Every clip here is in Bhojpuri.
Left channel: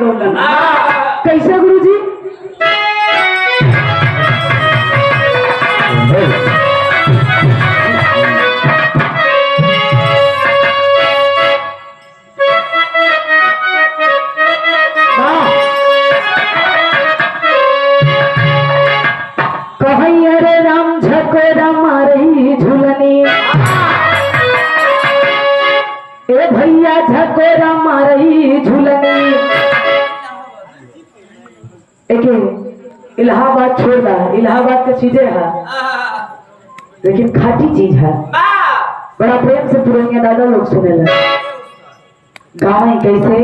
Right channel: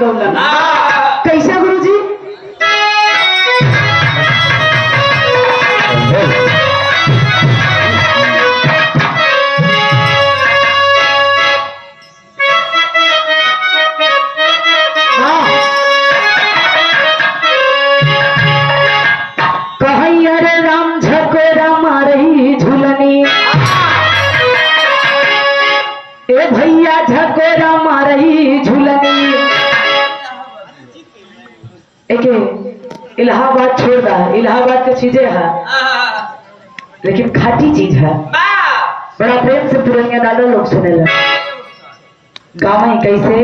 गौलन। कैसे गुरुजी? ए भैया झकोरा मारही झूलनी। एक इलाहाबाद छोड़ रहा है, इलाहाबाद के चीजें है लेकिन खाटी चीज है। बड़ा प्रेम से पुरानिया दादा लोग सुने लगे। गाना ही कैसे?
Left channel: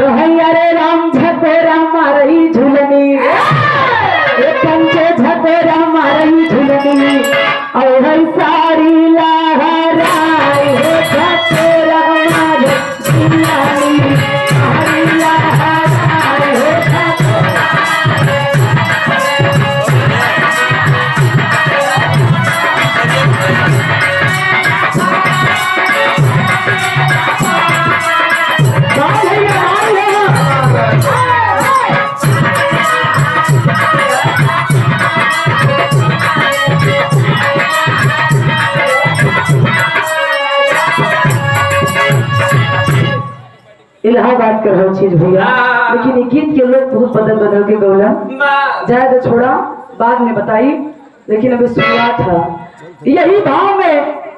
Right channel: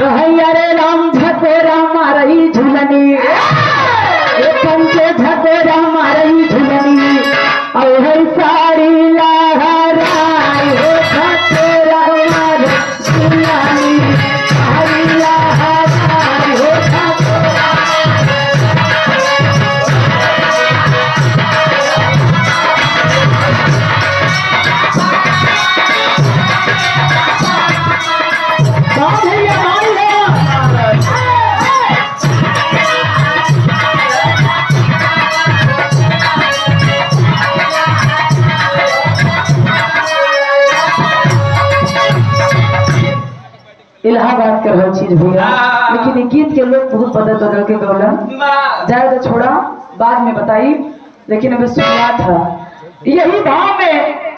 अरे राम झकोरा मारही झूलनी, कंचे झकोरा मारही झूलनी, और साड़ी लहराई हो झकोरा मारही झूलनी, साड़ी लहराई हो झकोरा। इलाहाबाद का हर चीज भैया, लेकिन ये गीत के लोग बहुत बदल बदल के गौलन। ज्यादा छोड़ा बाद में बताई, लेकिन अभी शुरुआत था यही भाव में